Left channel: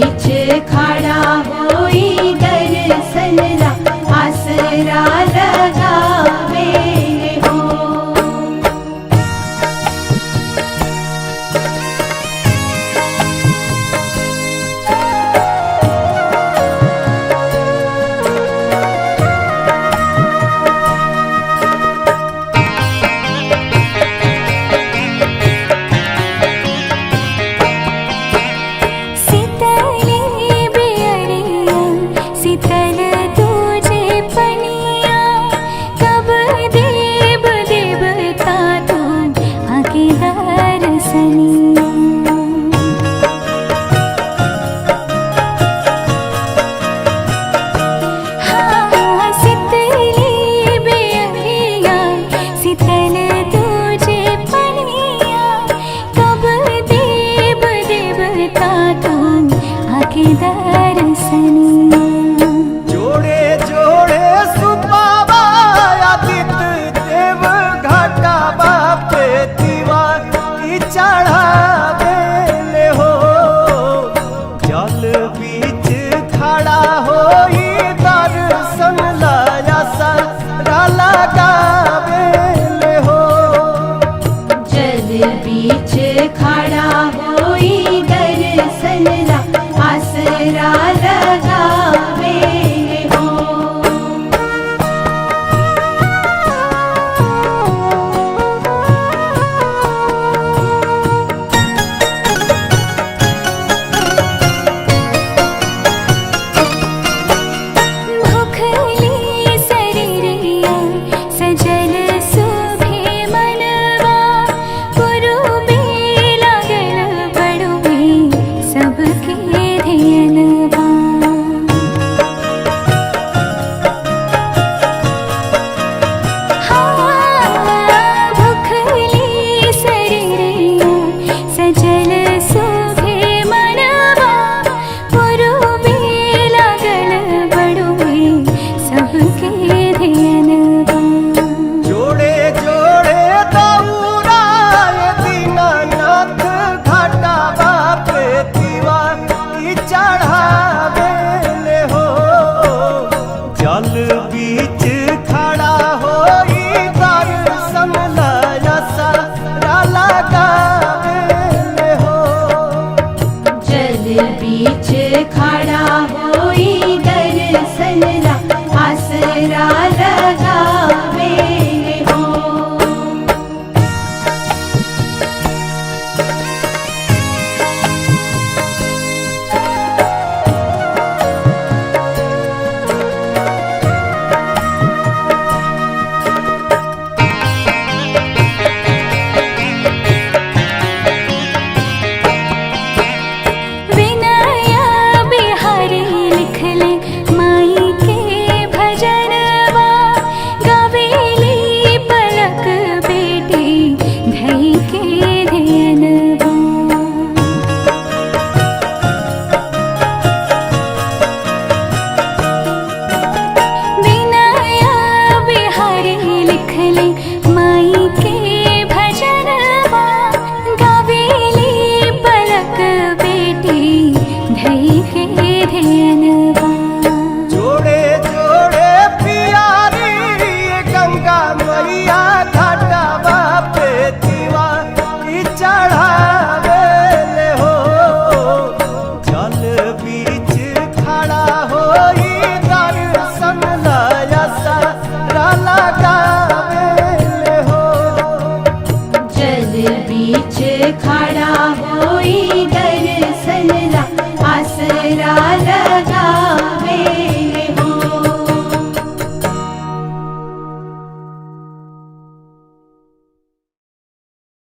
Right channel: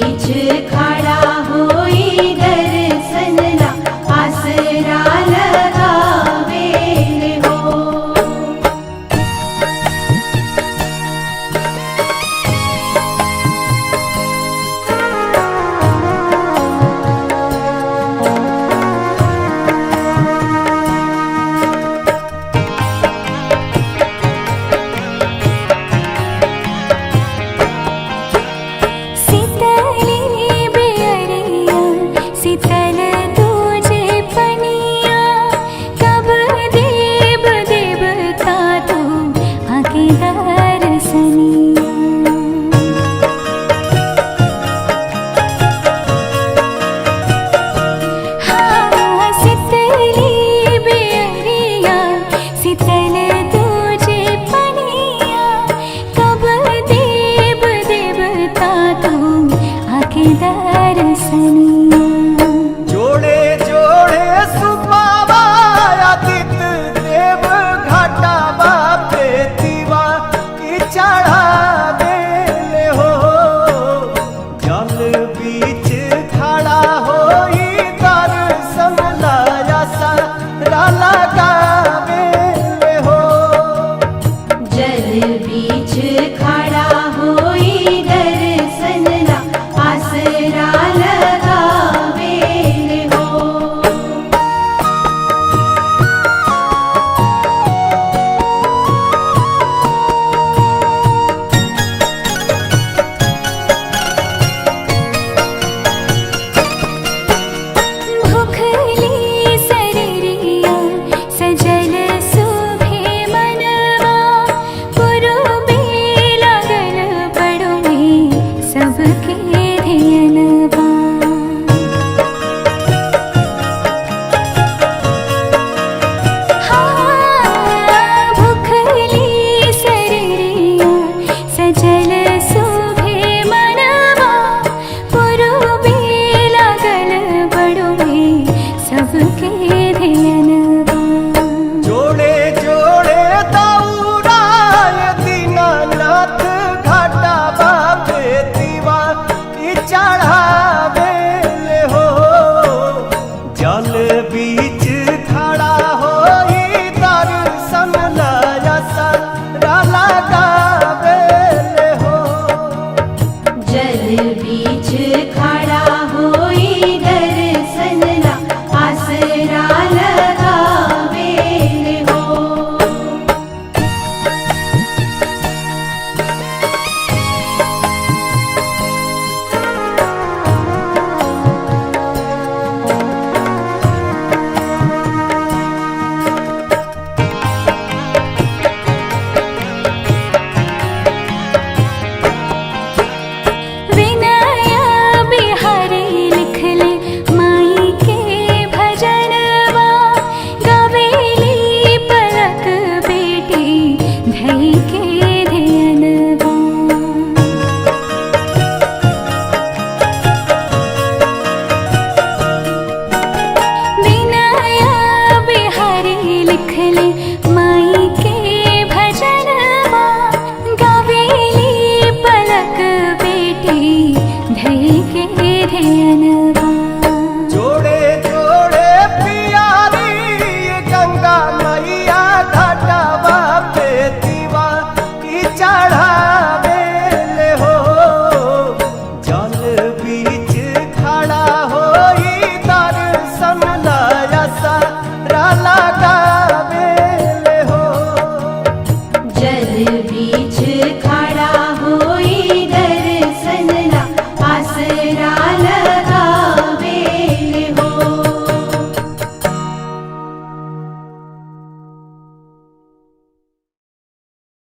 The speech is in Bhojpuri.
बीच खड़ा होई दर्शन ला आसरा लगावे हो। शीतल तुझे पनिया कब देव देवता तू आके दर्शनिया। हाँ शीतली बेअरिया शीतल तुझे पनिया कब देव देवता तू आके दर्शनिया। बीच खड़ा होई दर्शन ला आसरा लगावे हो। भूखली शरीरिया सजल सुभे मनवा पुरुबे लागल बड़ुए सबके धियनवा। हाँ भूखली शरीरिया सजल सुभे मनवा पुरुबे लागल बड़ुए सबके धियनवा। जोड़े जोड़े दौड़ाए दीनानाथ घाटा बापे दीवा की चढ़ावे हो। जल बीच खड़ा होई दर्शन ला आसरा लगावे हो। जल बीच